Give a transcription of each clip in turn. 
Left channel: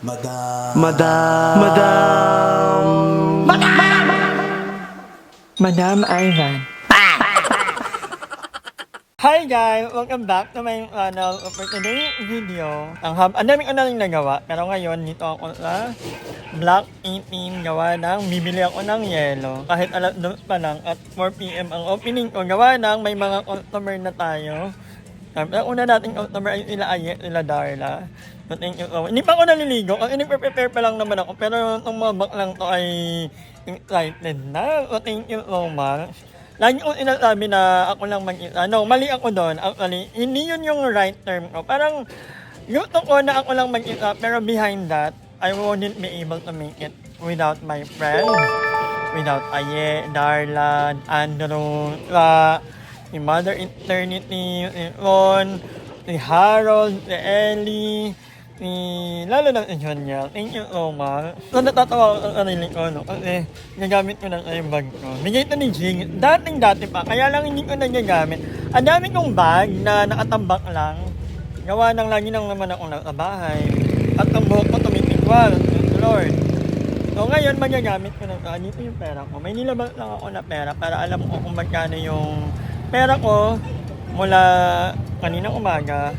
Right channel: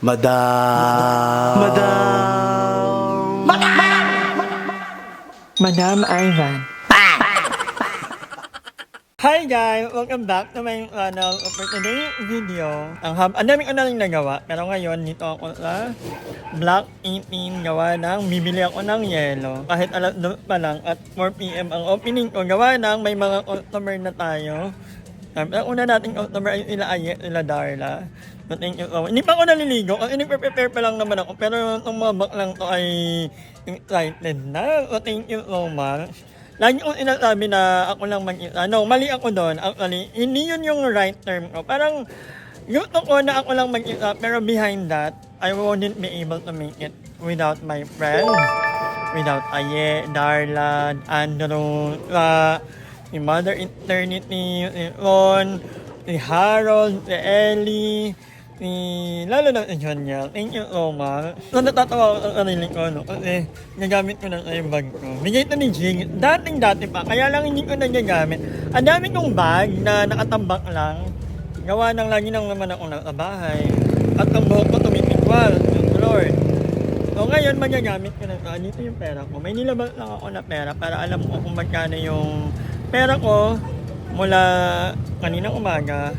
Madam. Madam Ivan. Hi guys! Welcome back to my channel. For today's video, ang daming ko na rin nagawa. Pero ngayon, dito ako sa Block 18 gawa ng bibili ako ng yelo. Kahit alas 2 pa lang at 4 PM ang opening ko. Gawa ng may mga customer na tayo. Ang una nating customer ay sila Aye, sila Darla. So, thank you so much. Hindi pa ako naliligo. Ang prepare pa lang naman ako. Pero itong mga bak lang to ay excited na. So, thank you so much. Lagi kong sinasabi na ako lang mag-isa. No, mali ako doon. Actually, hindi yun yung right term ko. Parang, gusto ko na ako lang mag-isa. Pero behind that, I wouldn't be able to make it without my friends. Without Aye, Darla, Andrew, si Mother Eternity, si Ron, si Harold, si Ellie, lalo na si Jonyel. Thank you so much. So, natatawa ko sa sarili ko, no? Kasi nagamit ko na sa yung bag ko. Bigay ito ni Jing. Dating-dati pa, kaya lang hindi ko na nagamit. Ang dami kong bag na nakatambak lang. Gawa ng lagi nang naman ako sa bahay. At ang buhok ko tumitikwal. Lord. So ngayon, magagamit ko na ito. Dito yung pera ko. May nilabas lang ako na pera para alam ko kung magkano yung pera ko mula kaninang umaga.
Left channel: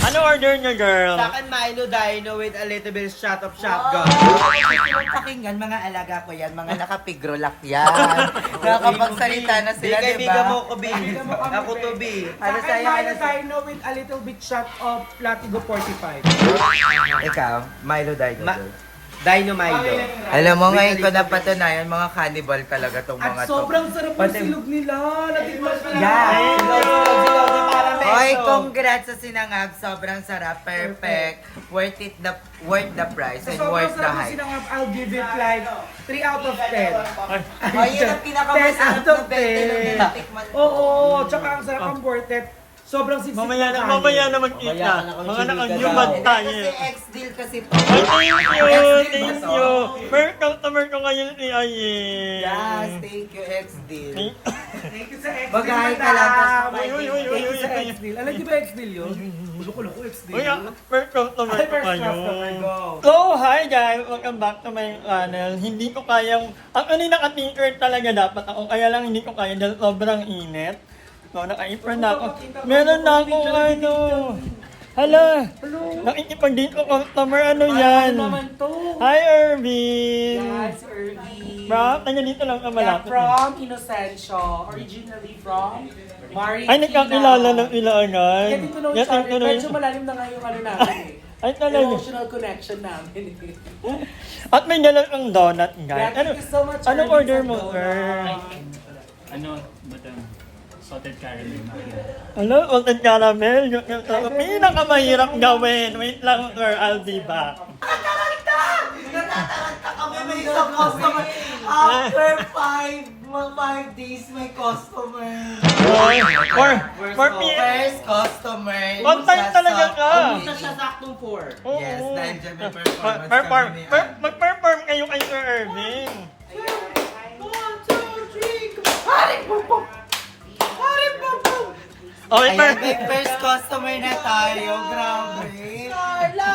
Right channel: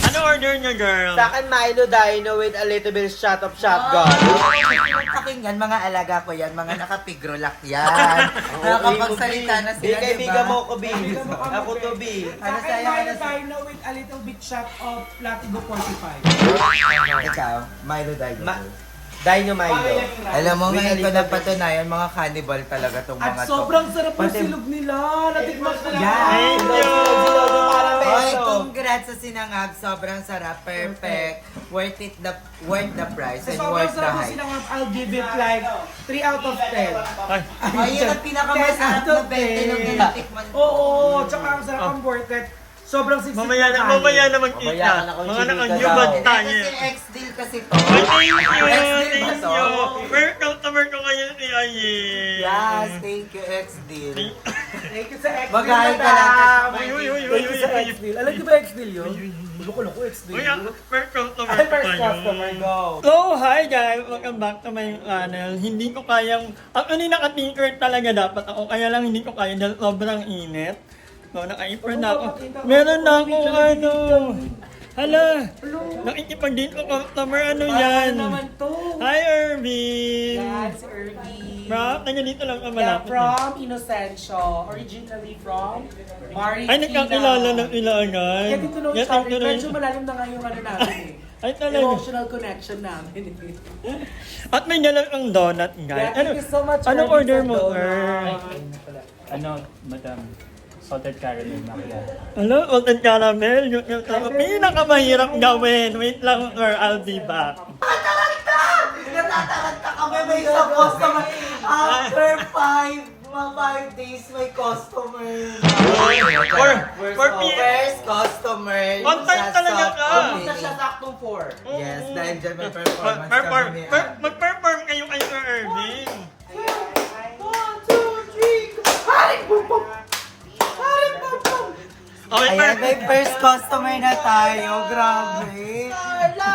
Ano order niyo, girl? Sa akin, Milo Dino with a little bit shot of shotgun. Pakinggan, mga alaga ko yan, mga nakapigrolak yan. Nakakapagsalita na sila, Di di kaibigan ba? mo ko, B. Ako to, B. Ano Sa sa'yo, akin, ano Milo sa'yo? Dino with a little bit shot of Latigo 45. Ikaw, Milo Dino. Dino Milo. Alam mo, ngayon ko napatunayan, mga cannibal talaga tong mga At to. sobrang sarap ng silog nila. Natikman ko na. Thank you! Oy, congrats sa sinangag. Sobrang sarap. Perfect. Worth the price and worth the sarap hype. sinangag, I'll give it like 3 out of 10. Ayun ang 10 out of 10. Oo, tsaka ang sarap ang worth it. Sobrang siksik. Mamaya na magkita. Mga nakanyubad tayo. Kasi ex-deal kasi to. Thank you! Ex-deal ba Thank to? you! First customer ko ngayon si Aye. Yes, thank you, ex-deal. Thank you sa X-Deal. Magahay ka lang. Thank you sa X-Deal. Alam niyo ba X-Deal yun? Loko-loko X-Deal. Uy, first customer Ay, ko first kayo. customer, go. So, hi guys! Welcome back to my channel. Hindi ko kayang... Actually, naka-tinker talaga dapat ako. Kaya lang hindi ko kaya dahil sobrang init. So, naka-apron na ako. Meron na ako, ano... Hala! Nakikipag dito customer, ano yan? naman to? Hi, Irvin! Yan, si Irvie. Bro, taga dito lang ka Yeah, malapit. from Inocencio. Originally from Marikina. Ay, nagkakilala ng ilangan. Kaya dito know each other. Medyo malalim na nga yung ano namin eh. Ay, talaga. Emotional connection namin eh. At may dala kang donut, guys. Yeah, thank you so much, Anong Irvin, order for mo, donut. sir? Ano, madam? Salted caramel macchiato. Ano, salted caramel? Yung pinakamahirap gawin. Wait lang, sir. I'll be back. Natataranta kami, may isa customer. After 5 days, may customer. For me, First customer. on time talaga ka. Isa siya saktong 4. Yes, dahil dyan may performance kami ni Mag-perform kayo kay Sir Irving. 1, 2, 3, go! Haring bum bum! Haring bum bum! Okay, Ayan, may first customer na tayo. Grabe. Ala!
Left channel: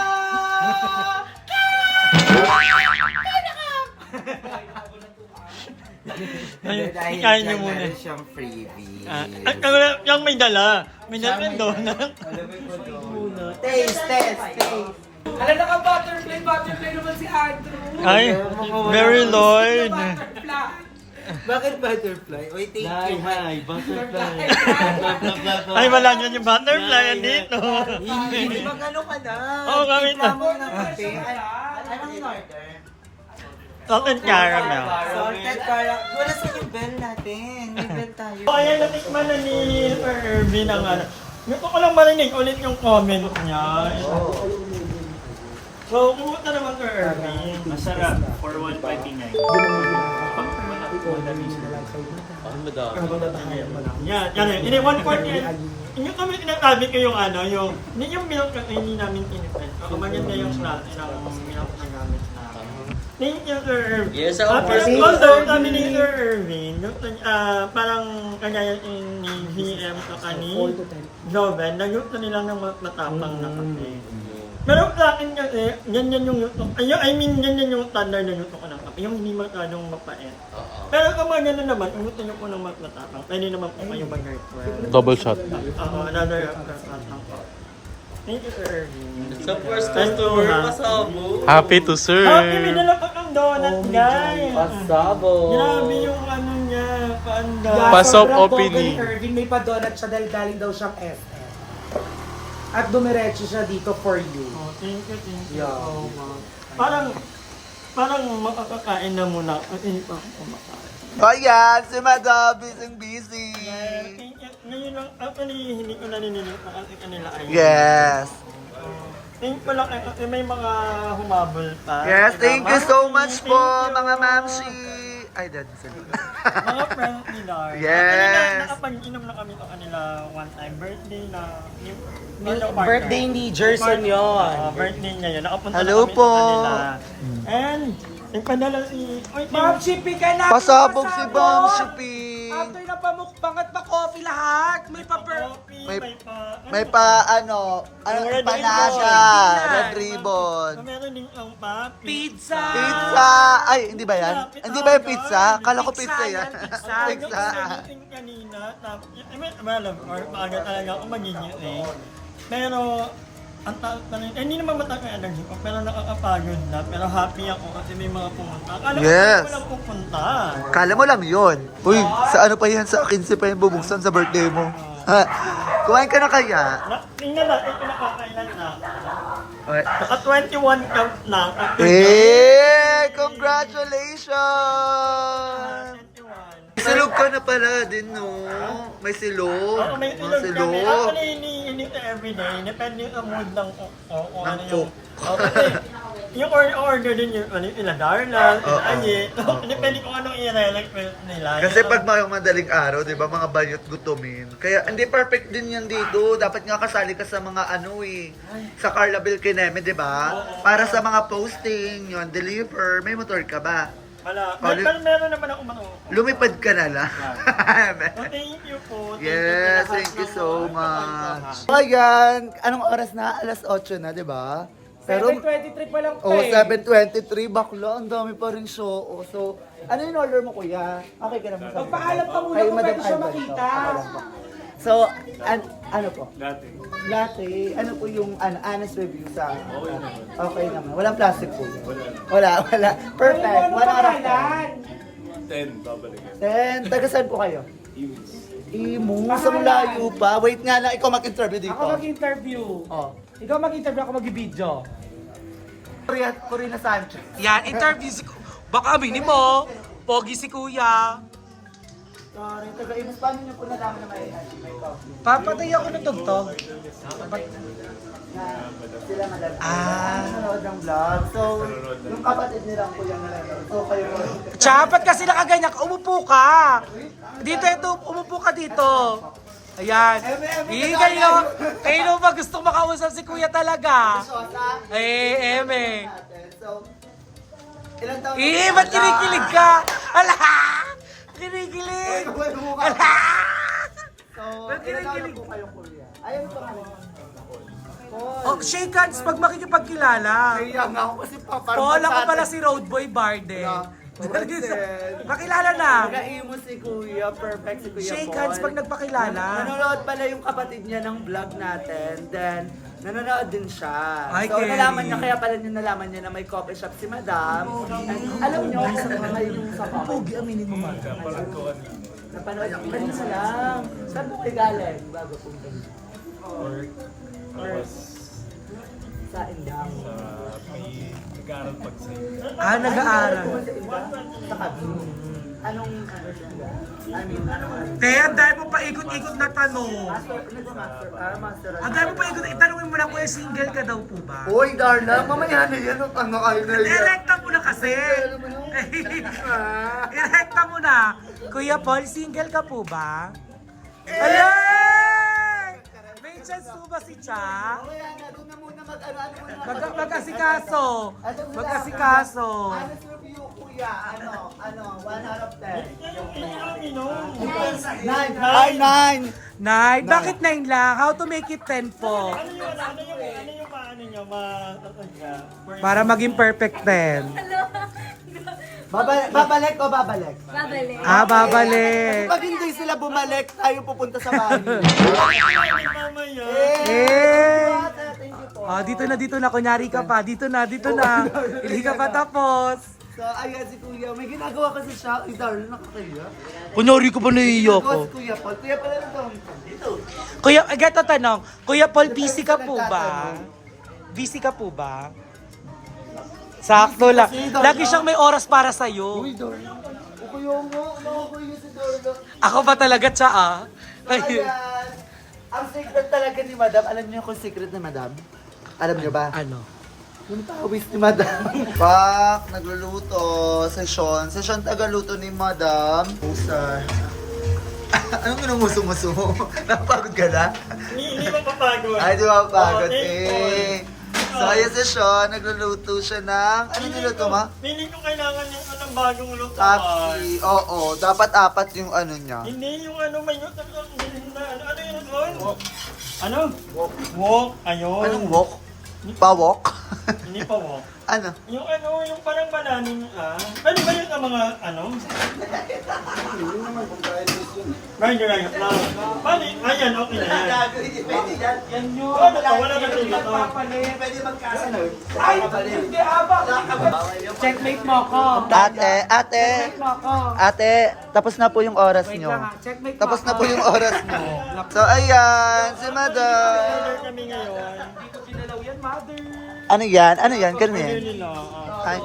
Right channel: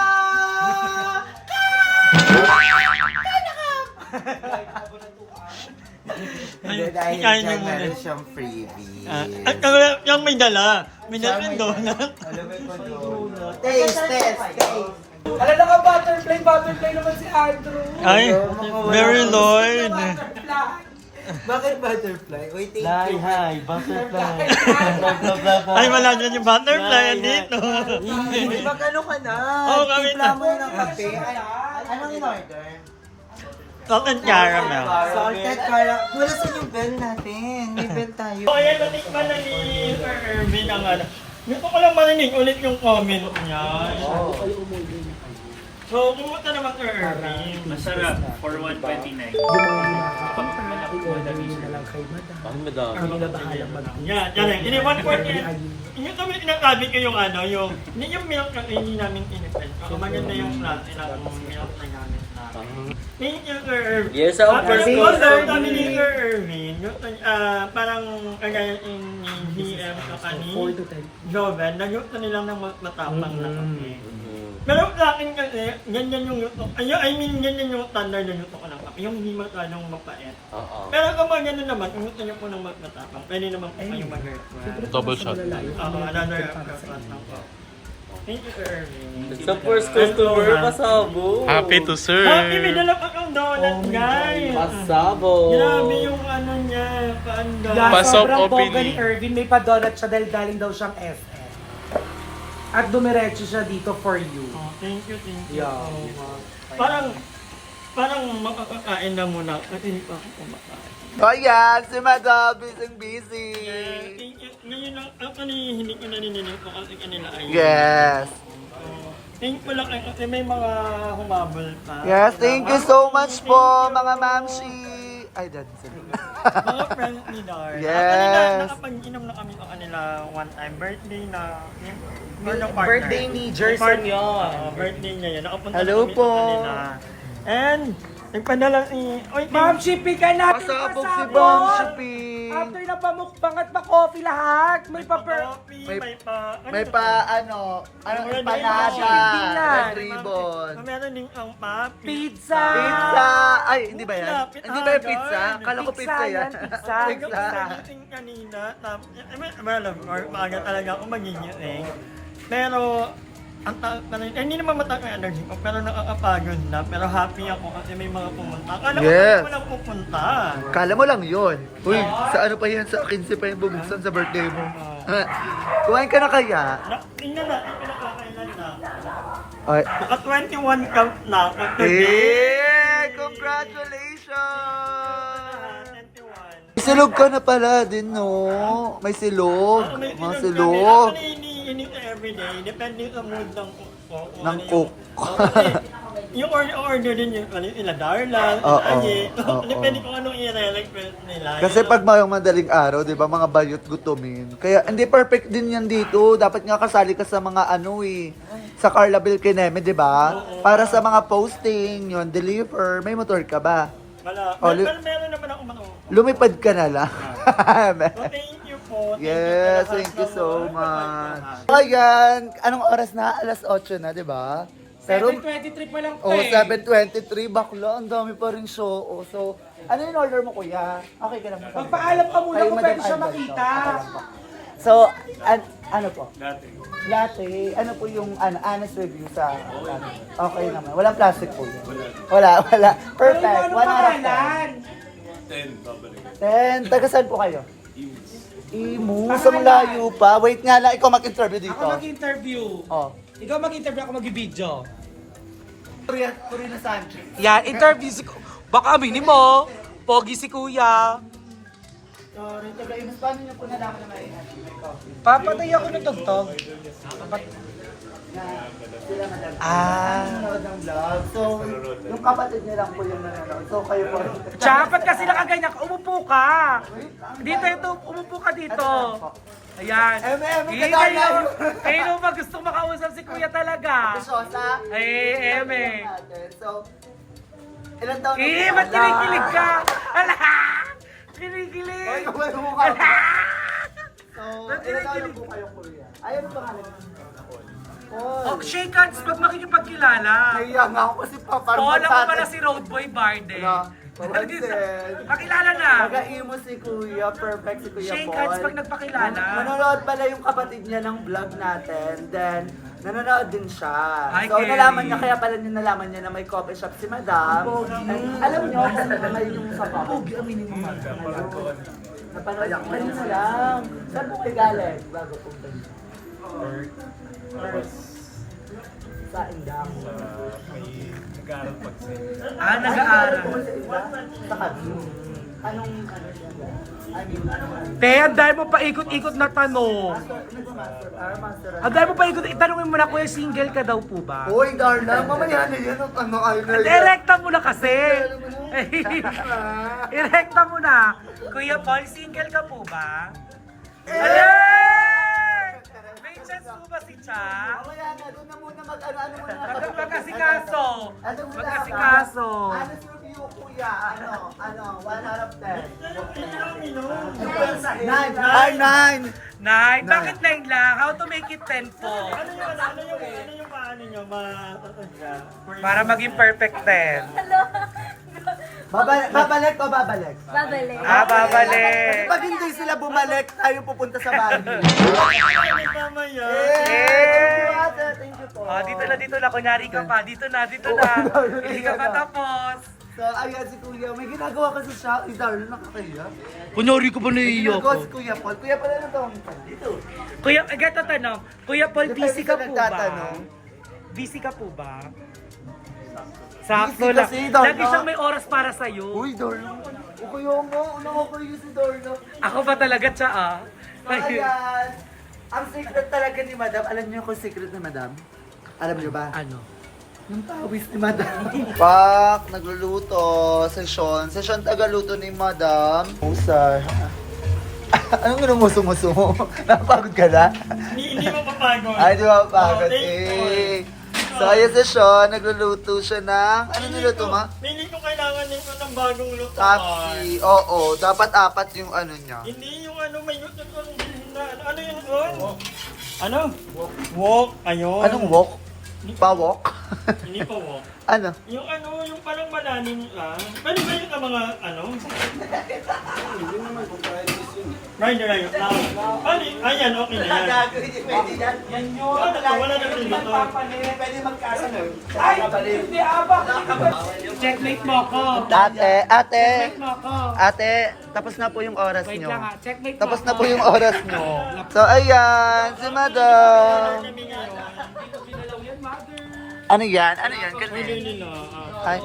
Ayun, Dahil ikain niyo dyan muna. meron siyang freebie. At yung may dala. May dala yung donut. Alam mo ko doon. Taste. Alam na ka, butterfly naman si Andrew. Ay, very Lord. Bakit butterfly? Uy, thank you. Hi, butterfly. Ay, wala dyan yung butterfly. Andito. Mag-ano ka na? Oo, kami na. Timpla mo ng kape. Anong in-order? Salted caramel. Salted caramel. Wala sa yung bell natin. May bell tayo. So, ayan, natikman na ni Sir Irvin ang ano. Gusto ko lang marinig ulit yung comment niya. So, kumusta naman Sir Irvin? Masarap, for 129. Yan, yan. Ini 140. Yung kami sinasabi ko yung ano, yung milk na hindi namin pinipin. Maganda yung klase ng milk na gamit namin. Thank you, Sir Irvin. Yes, After yung order kami ni Sir Irvin, parang kagaya ni GM o ni Joven, nagusto nila ng matapang na kape. Pero sa akin kasi, ganyan yung luto. I mean, ganyan yung standard ng luto ko ng kape. Yung hindi masyadong mapait. Pero kapag gano'n naman, ang gusto niyo po ng matapang, pwede naman po kayong mag-request. Double shot. Another request lang po. Thank you, Sir Erwin. Sa first customer, pasabo. Happy to serve. Happy, may dala pa kang donut, guys. Pasabo. Grabe yung ano niya, paanda. Pasok sobrang OPD. toga ni Erwin, may pa-donut siya dahil galing daw siyang SS. At dumiretso siya dito for you. Oh, thank you. Yeah. Oh, wow. Parang makakakain na muna at hindi pa ako kumakain. Ayan, si Madam, busy. Thank you. Ngayon lang, actually, hindi ko naninig kung ano nila ay. Yes. Thank you lang kasi may mga humabol pa. Yes, thank you so much po, mga mamshi. Ay, dad, sila. Mga friends ni Dar. Yes. Nakapag-inom na kami ng kanila one time birthday na yung partner. Birthday ni Jerson yun. Birthday niya yun. Nakapunta Hello kami po. sa kanila. And, nagpadala si... Oy, Ma'am Shippy ka na! Pasabog si Bang Shopping. After na pamukbang at pa-coffee lahat, may coffee, May- may pa... May pa, empanada, red ribbon. Meron din ang pa... pizza! Pizza! Ay, hindi ba yan? Pizza, Hindi ba yung pizza? Kala ko Pizza pizza yan. yan, pizza. Pizza. Meeting kanina, tapos, well, of course, maaga talaga ako magigising. Pero, ang hindi naman mataas ang energy ko, pero nakakapagod na. Pero happy ako kasi may mga pumunta. Akala ko Yes. hindi ko lang pupunta. Kala mo lang yun. Uy, sa ano pa yan? Sa 15 pa yan bubuksan sa birthday mo. Ha? Kumain ka na kaya? Tingnan natin kung nakakailan na. Ay. Naka 21 count na ako. Congratulations! 21. Silog ka na pala din, no? May silog. May Mga silog kami. silog. Actually, hinihinig ko everyday. Depende sa mood ng cook ko. Kung Ng ano yung- cook. Oh, kasi yung order din yung ila Darla, Oo, ila Aye. oo. Depende kung anong i-request nila. Kasi pag mayong madaling araw, di ba, mga bayot gutumin. Kaya hindi perfect din yan dito. Dapat nga kasali ka sa mga ano eh. Sa Carla Belkineme, di ba? Para sa mga posting, yun, deliver. May motor ka ba? Wala. Oh, Meron naman ako mano. Lumipad ka na lang. So, thank you po. Yes, sa lahat thank you ng so mga much. Ayan, anong oras na? Alas 8 na, di ba? Pero, 7:23 pa lang oh, eh. 7:23, bakla, ang dami pa rin show. Oh, so, ano yung order mo, kuya? Okay ka lang mo sa Magpaalam ka muna Kay kung Madam pwede siya Ivan to. makita. Okay lang po. So, ano po? Latte. Ano po yung honest review sa... Okay naman. Walang plastic po yun. Wala. Perfect. 1 out of 10. 10. Taga saan po kayo? Imus. Ang layo pa. Wait nga lang, ikaw mag-interview dito. Ako mag-interview. Oh. Ikaw mag-interview, ako mag-video. Corina Sanchez. Yan, interview si... Baka aminin mo, pogi si kuya. Sorry, taga Imus. Paano niyo po nalaman na may coffee? Papatay ako ng tugtog. Sila madami. Ah. Nanonood ng vlog. So, yung kapatid niya lang po yung nanonood. So, kayo po. Chapat kasi nakaganyan ka, umupo ka. Ito, umupo ka dito. Ayan. Kayo ba gusto makausap si kuya talaga? Sosa. Ay, eme. So, ilan taon Ba't kinikilig ka? Ala! Kinikilig! Ala! So, ilan taon na po kayo, kuya? Ay, ano pangalan niya? Paul. Oh, shake hands pag makikipagkilala. Kaya nga ako kasi parang Paul, ako pala si Roadboy Barde. Makilala na. Taga-imo si kuya, perfect si kuya Shake Paul. hands pag nagpakilala. Nanonood pala yung kapatid niya ng vlog natin. Then, nanonood din siya. Ay, So, Kelly. nalaman niya, kaya pala niya nalaman niya na may coffee shop si Madam. And, alam niyo kung ngayon yung sa coffee. Pogi, aminin mo, Madam. Napanood ko kanina lang. Saan po kayo galing? Bago pong kanina. Sa Indang. Nag-aaral pag sa Ah, nag-aaral. Sa Indang? Sa Kabin. Anong, ano siya? I mean, anong, Te, ang dahil mo pa ikot-ikot na tanong. master. Ang dahil mo pa ikot, itanongin mo na kuya, single ka daw po ba? Hoy, Darla, mamaya na yan. Ano kayo na yan? Direkta mo na kasi. Direkta mo na. Kuya Paul, single ka po ba? May chance po ba si Cha? Mamaya na, doon na muna mag-ano muna. Magkasikaso. Ano muna? Magkasikaso. Honest review, kuya. Kuya, ano, 1 out of 10. Nine. 9. Ay, 9. 9. Bakit 9 lang? How to make it 10 po? Ano yung paano nyo Para maging perfect 10. Babalik o babalik? Babalik. Babalik. Pag hindi sila bumalik, tayo pupunta sa bahay. mamaya. Thank you po. Oh, dito na. Kunyari ka pa. Dito na. Hindi ka pa tapos. So, ayan si Kuya. May ginagawa kasi siya. Ay, darling, nakakaya. Kunyari ko ba naiiyak Ginagawa si Kuya Paul. Kuya Paul, ano to? Dito. Kuya, gato tanong. Kuya Paul, busy ka po ba? Busy ka po ba? Sakto lang. kasi, Darla. Lagi siyang may oras para sa'yo. Uy, darling. O kuya mo, nakakaya si Darling. Ako ba talaga siya ah? Ayan. Ang secret talaga ni Madam. Alam niyo kung secret ni Madam? Alam niyo ba? Ano? Yung tawis ni Madam. Pak, nagluluto. Session tagaluto ni Madam. Usar. Anong ginumuso-muso mo? Napagod ka na? Hindi mo mapagod. Ay, di ba mapagod thank you. eh. So, ayan session. Nagluluto siya ng... Ano niluto mo? Feeling ko kailangan niya ng bagong luto. Tapsi. Oo, dapat 4 yung ano niya. Hindi yung may luto ng ano yun doon? Ano? Wok. Ayun. Anong wok? Pawok? Hindi pa wok. Ano? Yung yung parang malalim ka. Pwede ba yung mga Rider ayun. Pwede. Ayan, okay na yan. Yan yun. Ano to? Wala na rin dito. Pwede magkasano. Checkmate mo ako. Ate, tapos na po yung oras Wait nyo. lang ah. Checkmate mo Tapos na ako. po yung oras nyo. So, ayan, si Madam. Kami ngayon. Ano yan? Ano yan? Ganun Order yan. nila. Ay,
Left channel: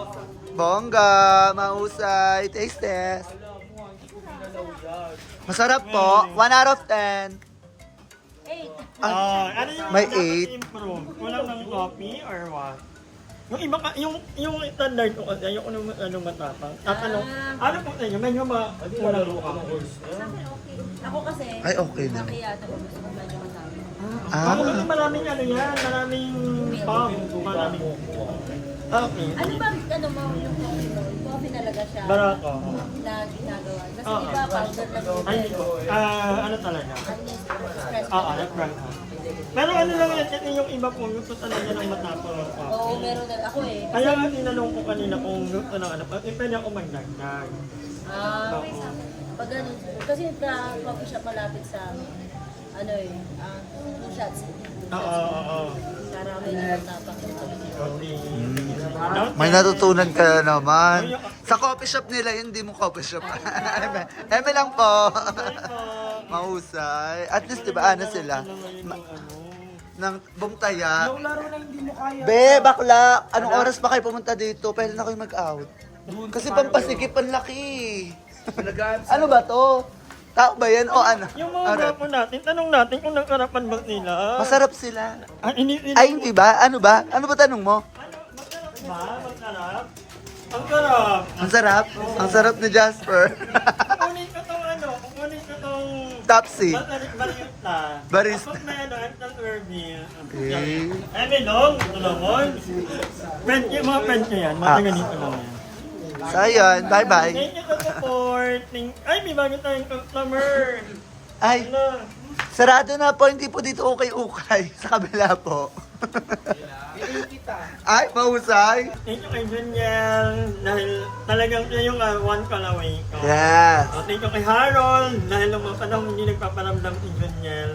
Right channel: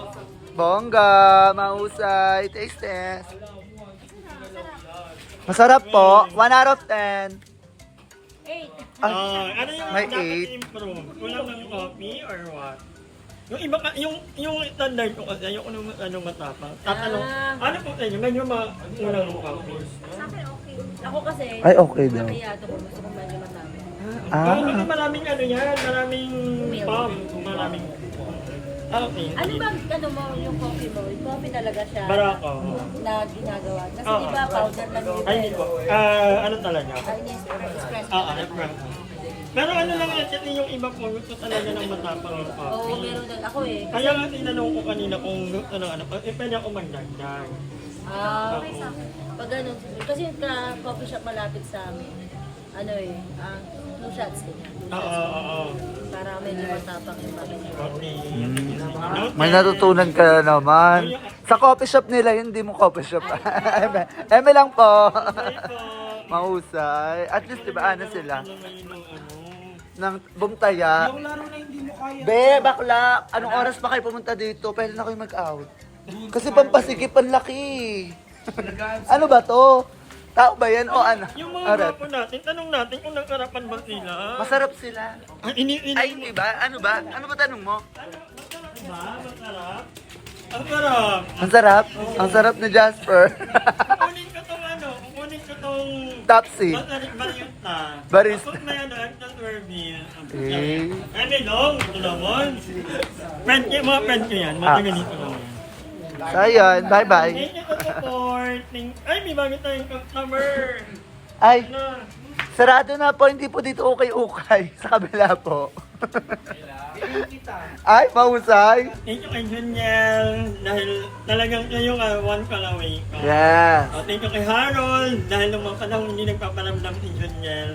bongga, mahusay, taste test. Masarap po, 1 out of 10. Ay, Ano yung may dapat eight. improve? Kulang ng coffee or what? Yung iba ka, yung standard ko kasi ayoko nung matapang. Tatanong, ano po sa inyo? Medyo kulang ng coffee. Sa akin, okay. Ako kasi, Ay, okay daw. kaya ito gusto ko medyo matapang. Kasi maraming yan, maraming pump, maraming... Okay. Ano ba, yung coffee mo? Yung coffee talaga siya Barako. na ginagawa. Kasi di ba powder lang yung Ay, hindi po. Ano talaga? espresso. Franco. Pero ano lang yan, yung iba po, gusto talaga ng matapang yung Oo, coffee. meron na. Ako eh. Kaya nga tinanong ko kanina kung gusto ng ano, pwede ako magdagdag. Oo. Pag ano, kasi yung coffee shop malapit sa amin, 2 shots din. Oo. Para medyo matapang yung pamilya. May natutunan ka naman. Sa coffee shop nila, hindi mo coffee shop. Eme lang po. Mahusay. At least, diba, ano sila? Nang bumtaya. Yung laro na hindi mo kaya. Be, bakla, anong oras pa kayo pumunta dito? Pwede na kayo mag-out. Kasi pampasikip ang laki. Ano ba to? Tao ba yan o ano? Yung mga Arep. grupo natin, tanong natin kung nagkarapan ba nila. Masarap sila. Ini Ay, hindi ba? Ano ba? Ano ba tanong mo? masarap ba? Masarap? Ang sarap. Ang sarap. Ang sarap ni Jasper. Kukunin ko tong Tapsi. barista. Barista. Ako may ang Irvin. Eh. Ano long? Ito naman. Mga friend ko yan. Mga ganito lang yan. So, ayun. Bye-bye. Thank you for support. Ay, may bago tayong customer. Ay, Ano? sarado na po. Hindi po dito ukay-ukay. Sa kabila po. Ay, mahusay. Thank you kay Juniel. Dahil talagang siya yung one call away ko. Yes. Thank you kay Harold. Dahil nung mga panahon hindi nagpaparamdam si Juniel.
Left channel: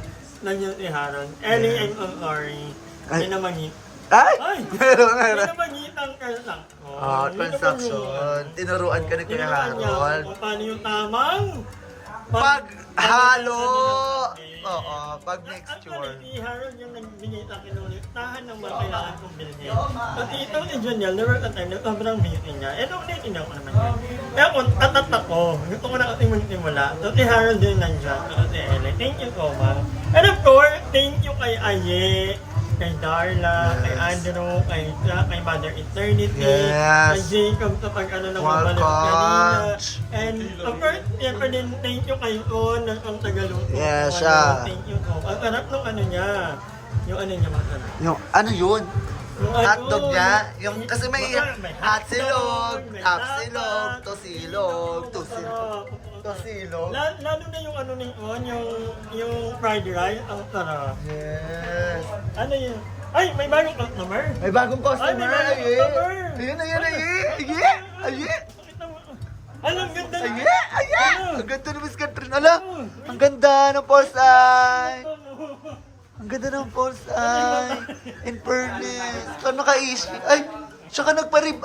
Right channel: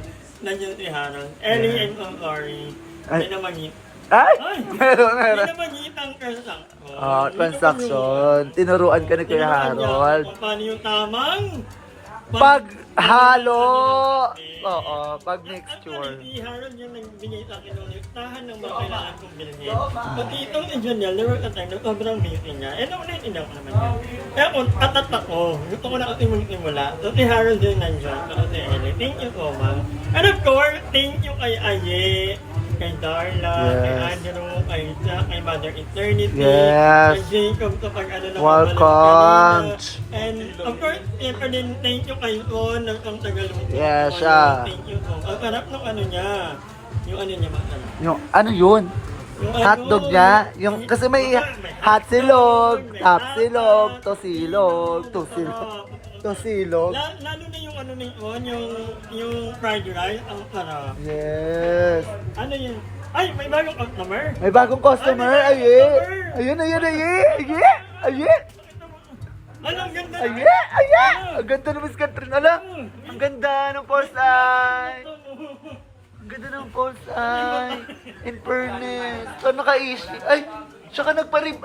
Nandiyan si Harold. Ellie, I'm so sorry. Ay. Hindi na mangit. Ay, Ay! meron, Hindi meron. na mangit ang transaction. Transaction. Tinuruan ka ni Kuya Harold. Kung paano yung tamang Paghalo. Oo, pag mixture. Si Harold yung nagbinita kinulit. Tahan ng mga kailangan kong bilhin. Pati itong si Juniel, there was a time na sobrang busy niya. Eh, ulitin ako naman yan. Kaya kung tatat ako, gusto ko na kasi magsimula. So, si Harold din nandiyan. So, si Ellie, thank you so much. And of course, thank you kay Aye, kay Darla, kay Andrew, kay Mother Eternity, Yes. kay Jacob sa pag-ano ng Welcome. And of course, siyempre din, thank you kay Ron, ang Tagalog. Yes, siya. Thank you so. Ang sarap ng ano niya. Yung ano niya masarap. Yung, ano yun? Hotdog niya. Yung, kasi may hot silog, top silog, tosilog. Lalo na yung ano nito, yung fried rice, ang sarap. Yes. Ano yun? Ay, may bagong customer. May bagong customer. Ay, may bagong Ayun. customer. Ayun. Alam, ganda. Ayun. Ang ganda ng Miss Catherine. Ala, ang ganda ng false eye. Ang ganda ng false eye. In fairness. Ito naka-isi. Ay, tsaka nagparib,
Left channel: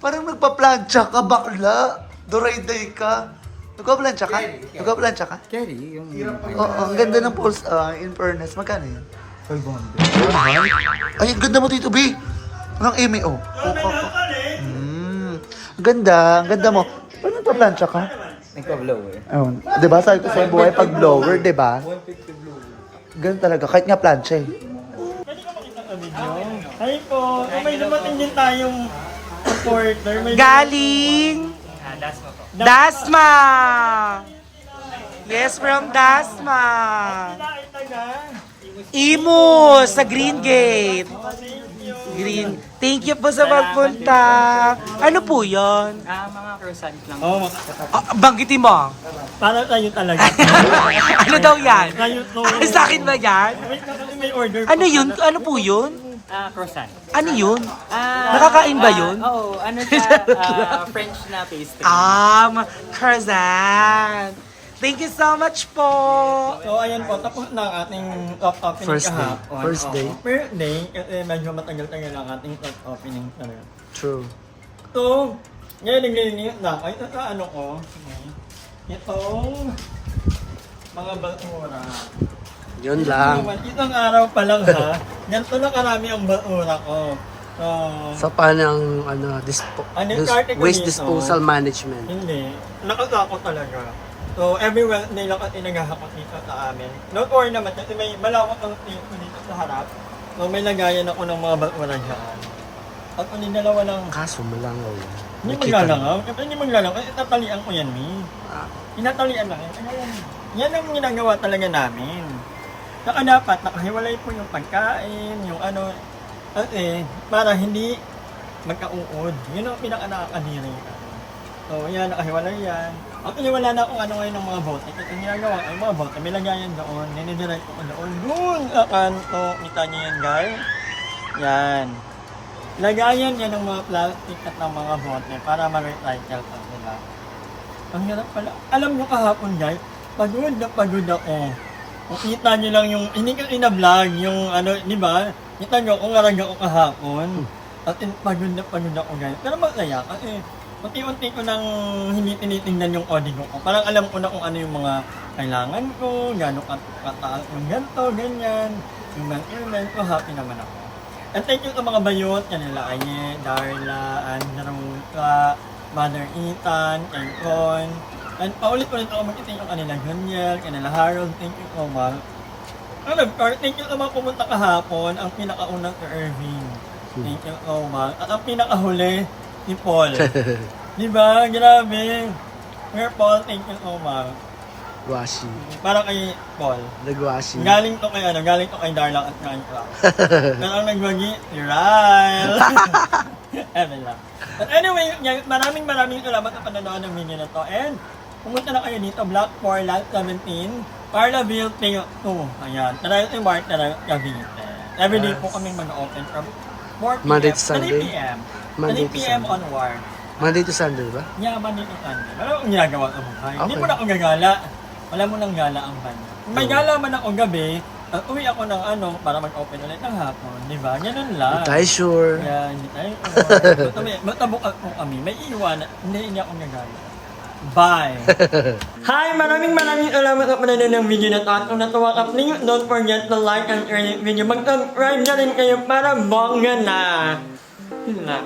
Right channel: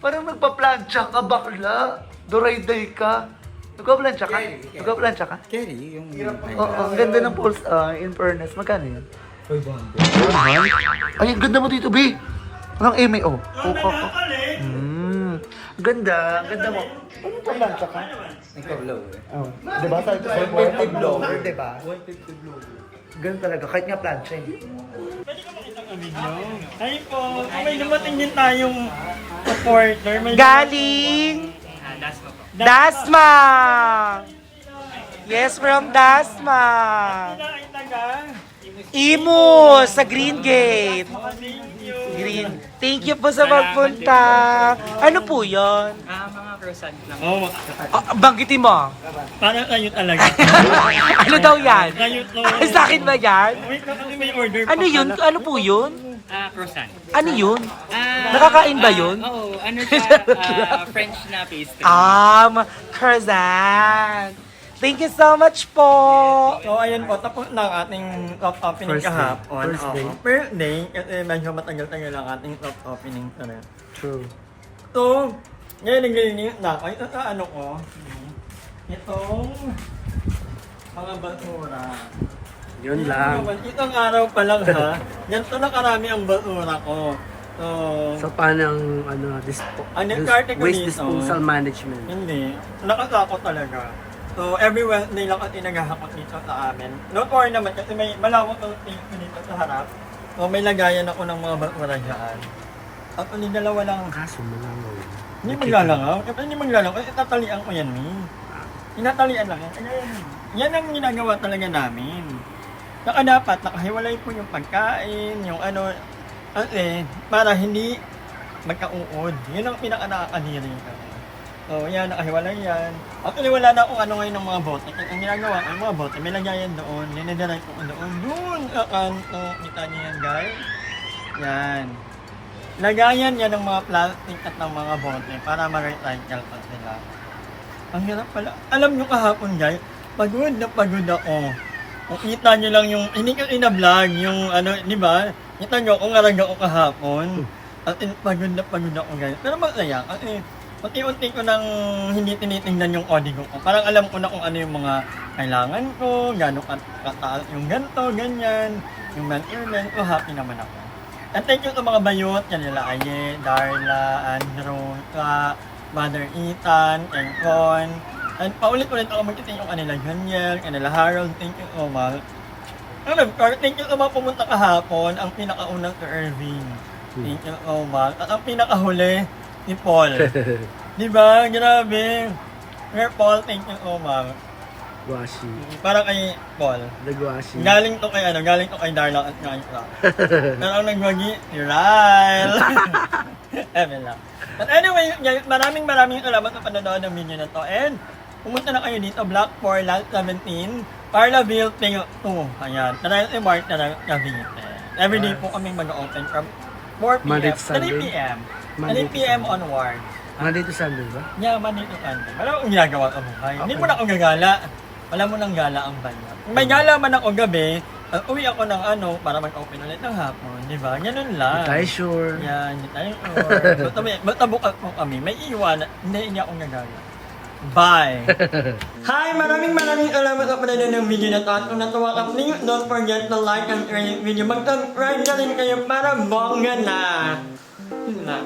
parang nagpa-plancha ka, bakla. Duray-day ka. Nagpa-plancha ka? Nagpa-plancha ka? Kerry, yung... Oo, ang ganda ng false eye. In fairness, magkano yan? 500. Ay, ang ganda mo dito, B. Anong eme, oh? Puka ka. Ang ganda mo. Paano nagpa-plancha ka? Nagka-blow eh. Oh, di ba sabi ko sa buhay pag blower, di ba? 150 blow. Ganun talaga, kahit nga plancha eh. Pwede ka makita ang video? Ay po, may dumating din tayong supporter. May Galing! Dasma! Yes, from Dasma! Sila ay taga. Imo sa Green Gate. Thank you. Green. Thank you po sa pagpunta. Ano po yun? Mga croissant lang. Oh, Banggitin mo. para tayo talaga. Ano daw yan? Tayo to. Sa akin ba yan? Wait na kasi may order pa. Ano yun? Ano po yun? Croissant. Ano yun? Nakakain ba yun? Oo, ano siya, French na pastry. Croissant. Thank you so much po. So ayan po, tapos na ang ating top opening First day. kahapon. First day. First day, kasi medyo matagal-tagal ang ating top opening. True. So, ngayon na ako. Ito sa ano ko. Itong mga basura. Yun lang. Itong araw pa lang ha. Ganito na karami ang basura ko. So, So paano ang Ang nag-arte ko waste dito, disposal management? hindi. Nakakakot talaga. So, every Wednesday lang kasi naghahakot dito sa amin. Not worry naman kasi may malawak ang table dito sa harap. So, may lagayan ako ng mga basura dyan. At kung dalawa lang, Kaso malangaw yan. hindi maglalangaw. Kasi hindi maglalangaw kasi tatalian ko yan, Mi. Tinatalian lang yan. Kaya yan ang ginagawa talaga namin. Saka dapat nakahiwalay po yung pagkain, yung ano, kasi para hindi magkauod. Yun ang pinaka-nakakadiri kami. So, yan, nakahiwalay yan. Actually, wala na akong ano ngayon ng mga bote. Kasi ang ginagawa ko, yung mga bote, may lagayan doon. Ninidirect ko doon. Doon sa kanto. Kita niyo yan, guys. Yan. Lagayan yan ng mga plastic at ng mga bote para ma-recycle pa sila. Ang hirap pala. Alam nyo kahapon, guys, pagod na pagod ako. Kung kita nyo lang yung, hindi ko ina-vlog, yung ano, di ba? Kita nyo kung ngarag ako kahapon. At pagod na pagod ako, guys. Pero masaya kasi unti-unti ko nang hindi tinitingnan yung código ko. Parang alam ko na kung ano yung mga kailangan ko, gano'ng kataas yung ganito, ganyan. Yung measurement ko, happy naman ako. And thank you sa mga bayot, kanila Aye, Darla, Andrew, Mother Ethan, Ercon. And paulit-ulit ako magkitin yung kanila Daniel, kanila Harold, thank you so much. Thank you sa mga pumunta kahapon, ang pinakaunang si Irving. Thank you so much. At ang pinakahuli, si Paul. Diba? Grabe. Sir Paul, thank you so much. Guwashi. Para kay Paul. Nagwashi. Galing to kay Darla at kay Clark. Pero ang nagwagi, si Ryle. Ewan lang. But anyway, maraming salamat sa panonood ng video na to. And pumunta na kayo dito, Block 4, Lot 17, Parlaville, Pingo 2. Ayan. Tara si Mark na Cavite. Everyday po kami mag-open from 4 p.m. Monday to Sunday? 3 p.m. Monday 3 to p.m. Sunday. onward. Monday to Sunday ba? Yeah, Monday to Sunday. Wala akong ginagawa sa buhay. Hindi Okay. mo na akong gagala. Wala mo nang gala ang banyo. May gala man ako gabi, uwi ako ng para mag-open ulit ng hapon. Di ba? Ganun lang. Hindi tayo sure. Yeah, hindi tayo sure. Basta bukas po kami. May iwan. Hindi akong gagala. Bye! Hi! Maraming salamat sa panonood ng video na to. At kung natuwa ka, please don't forget to like and share this video. Mag-subscribe na rin kayo para bongga na. Yun lang.